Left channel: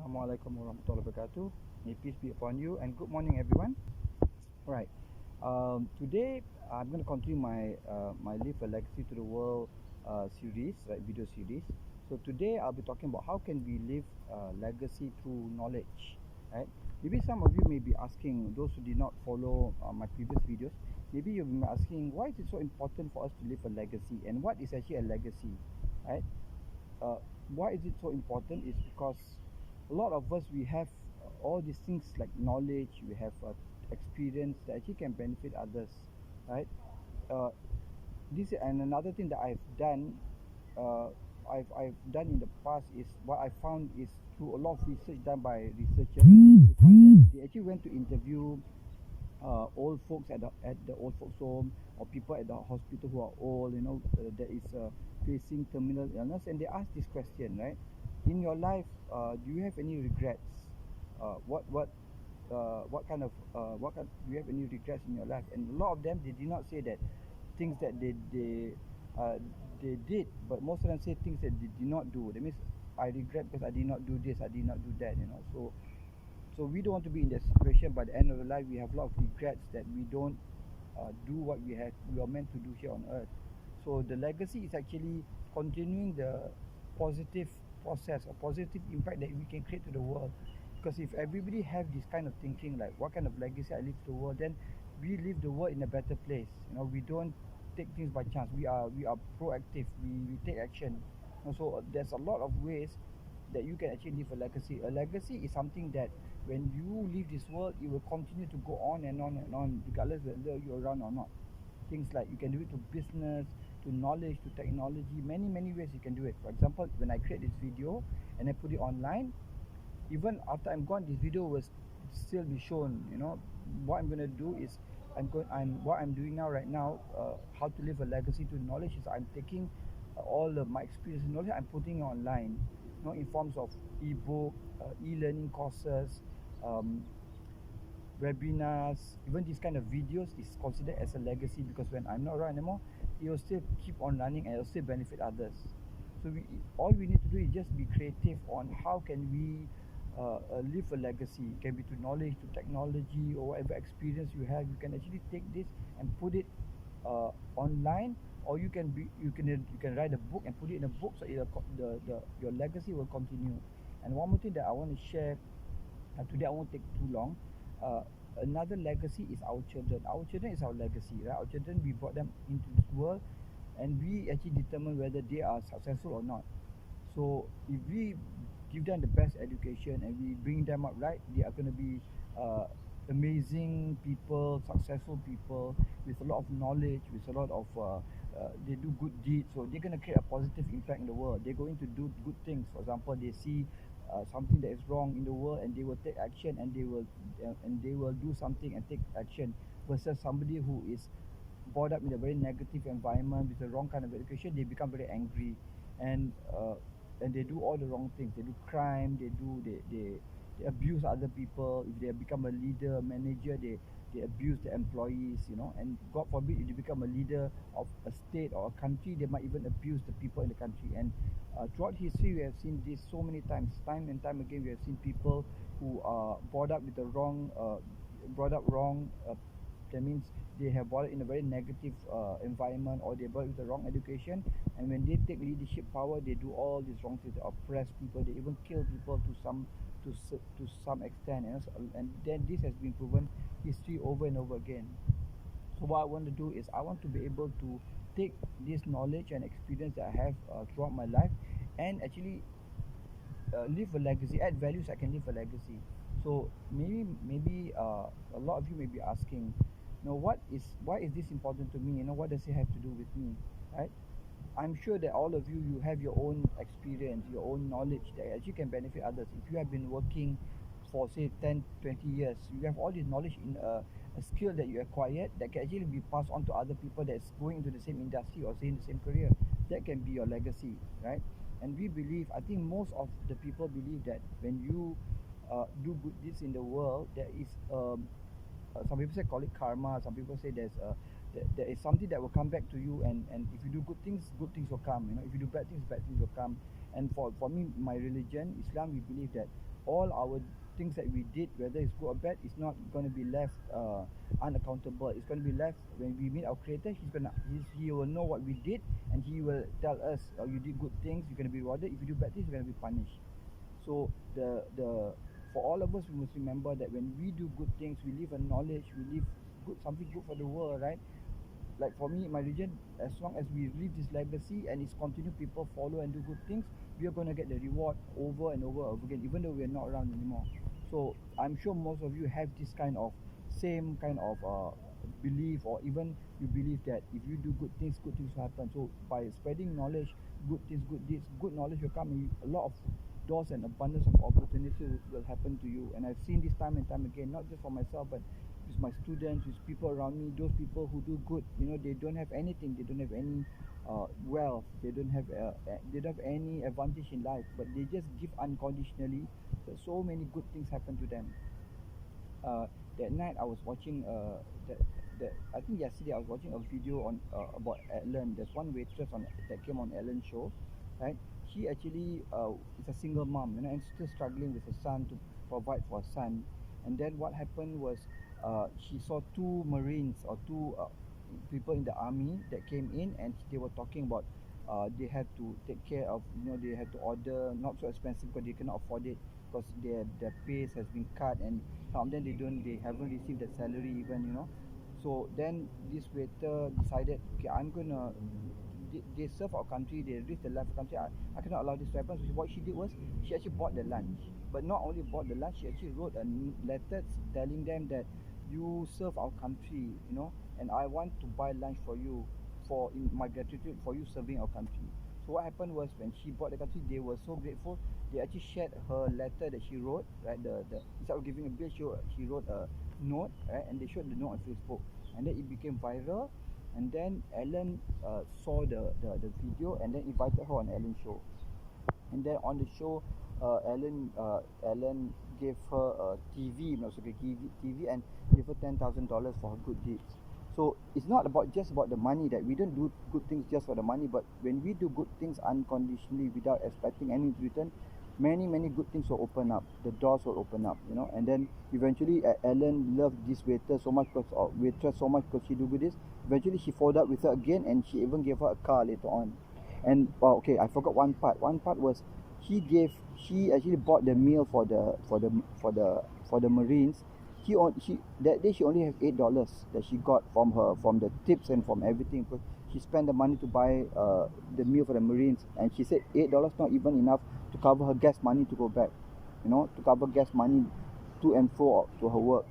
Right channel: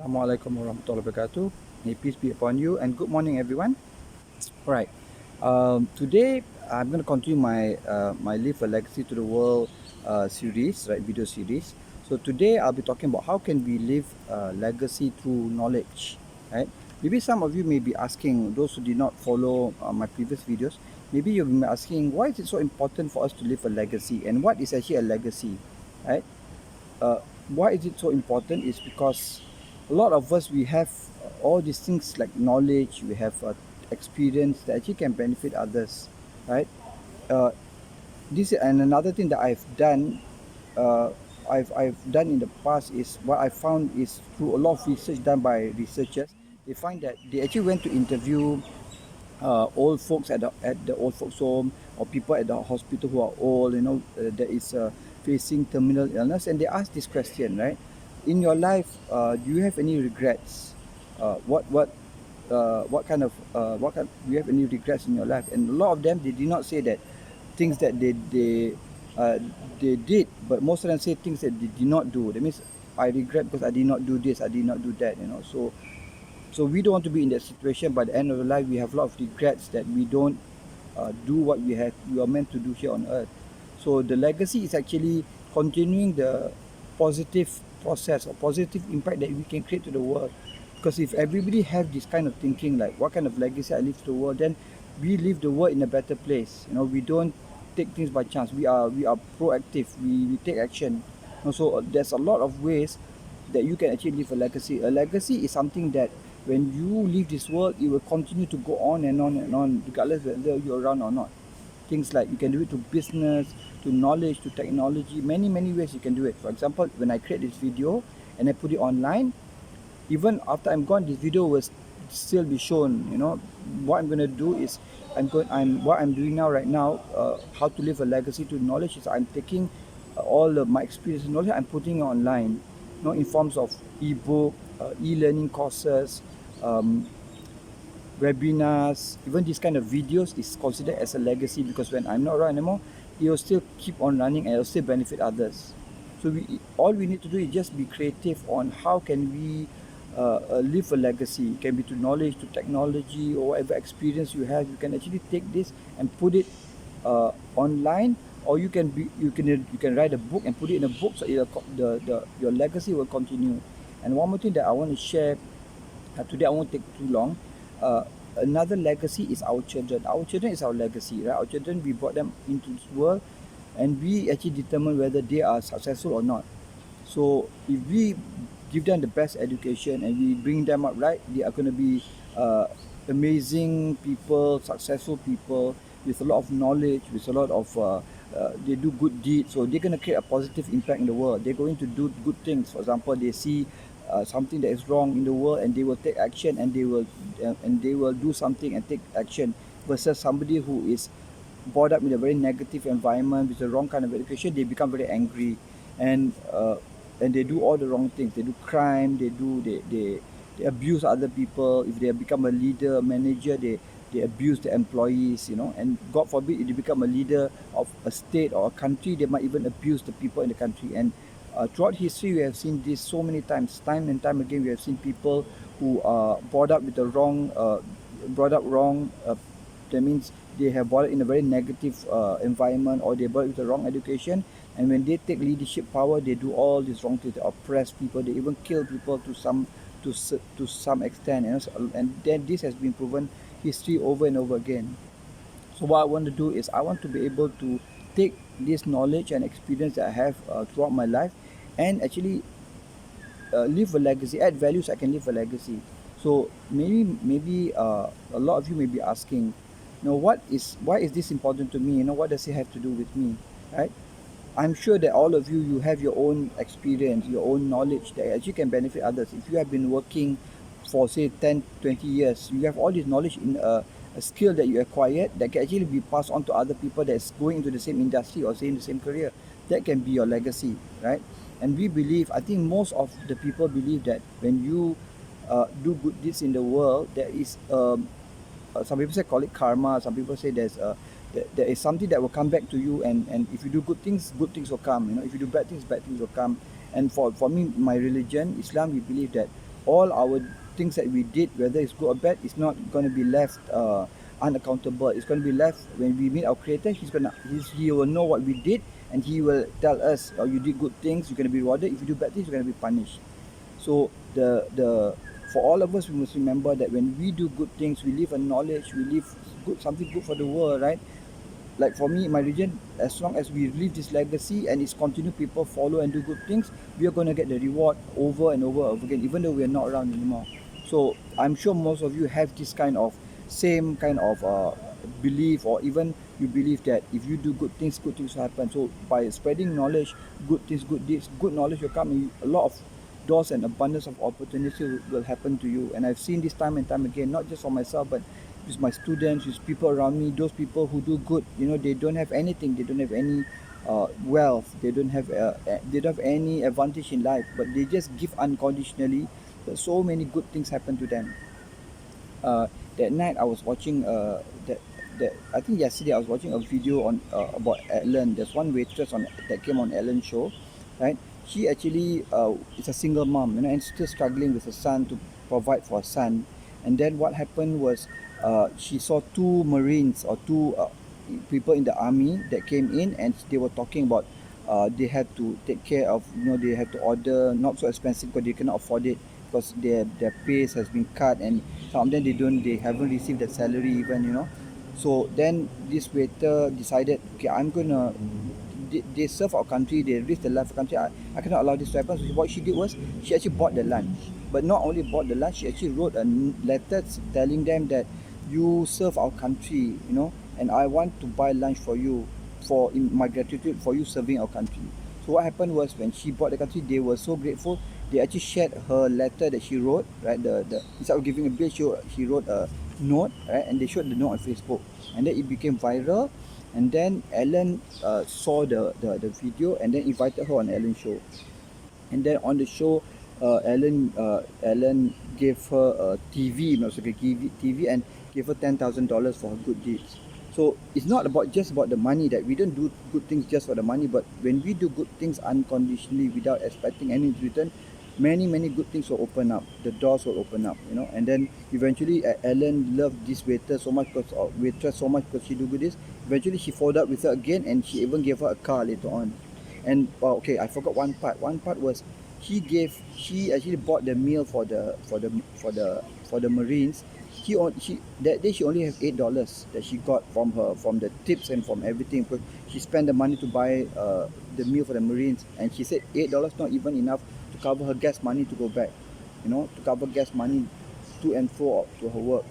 Assalamualaikum warahmatullahi wabarakatuh. May peace be upon you and good morning, everyone. All right. Today I'm going to continue my Live a Legacy to the World series, right? Video series. So today I'll be talking about how can we live legacy through knowledge, right? Maybe some of you may be asking, those who did not follow my previous videos, maybe you'll be asking, why is it so important for us to leave a legacy, and what is actually a legacy, right? uh, why is it so important is because a lot of us, we have all these things like knowledge, we have experience that actually can benefit others, right? uh, this and another thing that uh, I've done in the past is what I found is through a lot of research done by researchers. They find that they actually went to interview old folks at the old folks home, or people at the hospital who are old, that is facing terminal illness, and they ask this question, right? In your life, do you have any regrets? What kind of do you have any regrets in your life? And a lot of them, they did not say that things that uh, they did, but most of them say things that they did not do. That means I regret because I did not do this, I did not do that. So we don't want to be in that situation. By the end of the life, we have a lot of regrets that we don't do what we are meant to do here on earth. So the legacy is actually continuing the positive process or positive impact that we can create to the world. Because if everybody have this kind of thinking, like what kind of legacy I leave to the world, then we leave the world in a better place. We don't take things by chance. We are proactive. We take action. So there's a lot of ways that you can actually leave a legacy. A legacy is something that when you leave this world, it will continue to go on and on and on, regardless whether you're around or not. Things like you can do it to business, to knowledge, to technology, many ways you can do it. For example, when I create this video and I put it online, even after I'm gone, this video will still be shown. What I'm going to do is what I'm doing now, right now, how to leave a legacy to knowledge, is I'm taking all of my experience and knowledge, I'm putting it online, in forms of ebook, e-learning courses, um, webinars. Even this kind of videos is considered as a legacy, because when I'm not around anymore, it will still keep on running and it will still benefit others. So all we need to do is just be creative on how can we leave a legacy. It can be to knowledge, to technology, or whatever experience you have. You can actually take this and put it online, or you can write a book and put it in a book, so your legacy will continue. And one more thing that I want to share today, I won't take too long. Uh, Another legacy is our children. Our children is our legacy, right? Our children, we brought them into this world, and we actually determine whether they are successful or not. So if we give them the best education and we bring them up right, they are going to be amazing people, successful people with a lot of knowledge, with a lot of they do good deeds. So they're going to create a positive impact in the world. They're going to do good things. For example, they see something that is wrong in the world, and they will take action, and they will do something and take action, versus somebody who is brought up in a very negative environment with the wrong kind of education. They become very angry, and they do all the wrong things. They do crime. They abuse other people. If they become a leader, a manager, they abuse the employees. And God forbid, if they become a leader of a state or a country, they might even abuse the people in the country. And throughout history, we have seen this so many times. Time and time again, we have seen people who are brought up with the wrong brought up wrong. That means they have brought up in a very negative environment, or they brought up with the wrong education. And when they take leadership power, they do all these wrong things. They oppress people. They even kill people to some extent. And then this has been proven history over and over again. So what I want to do is I want to be able to take this knowledge and experience that I have throughout my life, and actually leave a legacy, add values. I can leave a legacy. So maybe a lot of you may be asking, why is this important to me? What does it have to do with me, right? I'm sure that all of you have your own experience, your own knowledge that actually can benefit others. If you have been working for say 10, 20 years, you have all this knowledge in a skill that you acquired that can actually be passed on to other people that's going into the same industry or say in the same career. That can be your legacy, right? And we believe, I think most of the people believe that when you do good deeds in the world, there is some people say call it karma. Some people say there is something that will come back to you, and if you do good things will come. If you do bad things will come. And for me, my religion, Islam, we believe that all our things that we did, whether it's good or bad, is not going to be left unaccountable. It's going to be left when we meet our creator. He will know what we did, and he will tell us, oh, you did good things, you're going to be rewarded. If you do bad things, you're going to be punished. So the for all of us, we must remember that when we do good things, we live a knowledge, we live good, something good for the world, right? Like for me in my region, as long as we leave this legacy and it's continue, people follow and do good things, we are going to get the reward over and over again, even though we are not around anymore. So I'm sure most of you have this kind of same kind of belief, or even you believe that if you do good things will happen. So by spreading knowledge, good things, good deeds, good knowledge will come, and a lot of doors and abundance of opportunity will happen to you. And I've seen this time and time again, not just for myself, but with my students, with people around me, those people who do good, they don't have anything, they don't have any wealth, they don't have any advantage in life, but they just give unconditionally. But so many good things happen to them. uh, that night I was watching that I think yesterday I was watching a video on about Ellen. There's one waitress on that came on Ellen's show, right? She actually is a single mom, and still struggling with her son to provide for her son. And then what happened was, she saw two Marines, or two people in the army that came in, and they were talking about they had to take care of, they have to order not so expensive because they cannot afford it, because their pays has been cut, and some of them they haven't received the salary even, so then this waiter decided, okay, I'm gonna they serve our country, they risk the life of the country. I cannot allow this to happen. So what she did was, she actually bought the lunch. But not only bought the lunch, she actually wrote a letter telling them that you serve our country, and I want to buy lunch for you, for in my gratitude for you serving our country. So what happened was, when she bought the country, they were so grateful. They actually shared her letter that she wrote, right? The instead of giving a bill, she wrote a note, right? And they showed the note on Facebook, and then it became viral. And then Ellen saw the video, and then invited her on Ellen's show. And then on the show, Ellen gave her a TV, not so TV, and gave her $10,000 for her good deeds. So it's not about just about the money, that we don't do good things just for the money, but when we do good things unconditionally without expecting any return, many good things will open up. The doors will open up, and then eventually Ellen loved this waiter so much, because or waitress so much, because she do good this. Eventually she followed up with her again, and she even gave her a car later on. And okay, I forgot one part. One part was, she actually bought the meal for the Marines. She that day she only has $8 that she got from the tips and from everything, because she spent the money to buy the meal for the Marines, and she said $8 not even enough to cover her gas money to go back, to cover gas money to and fro to her work.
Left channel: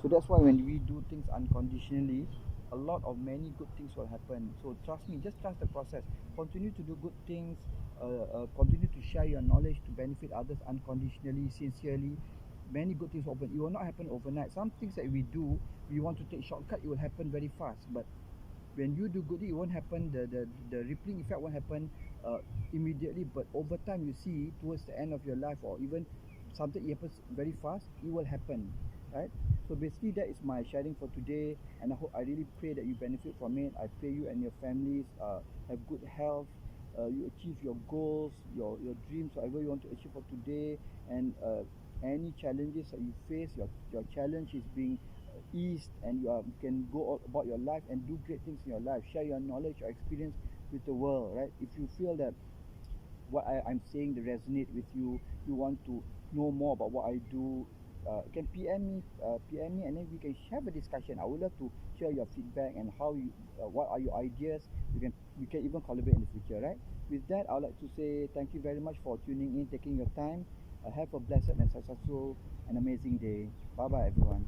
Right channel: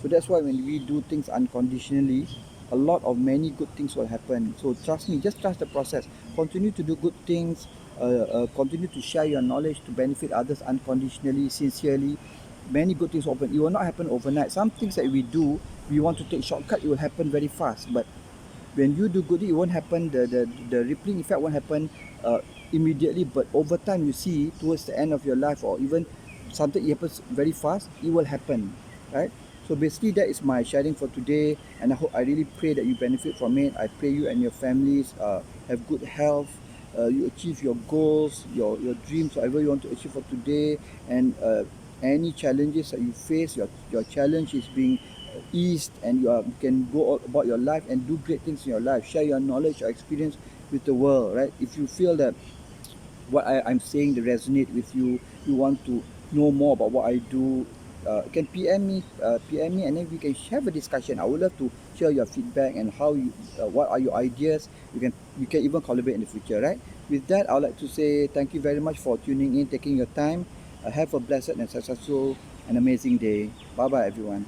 So that's why when we do things unconditionally, a lot of many good things will happen. So trust me, just trust the process. Continue to do good things. Continue to share your knowledge to benefit others unconditionally, sincerely. Many good things will happen. It will not happen overnight. Some things that we do, we want to take shortcut, it will happen very fast. But when you do good, it won't happen. The rippling effect won't happen immediately. But over time, you see towards the end of your life, or even something happens very fast, it will happen, right? So basically, that is my sharing for today, and I really pray that you benefit from it. I pray you and your families have good health. You achieve your goals, your dreams, whatever you want to achieve for today, and any challenges that you face, your challenge is being eased, and you can go about your life and do great things in your life. Share your knowledge, your experience with the world, right? If you feel that what I'm saying they resonate with you, you want to know more about what I do, you can PM me, and then we can have a discussion. I would love to hear your feedback and how you, what are your ideas. We can even collaborate in the future, right? With that, I would like to say thank you very much for tuning in, taking your time. Have a blessed and successful and amazing day. Bye bye, everyone.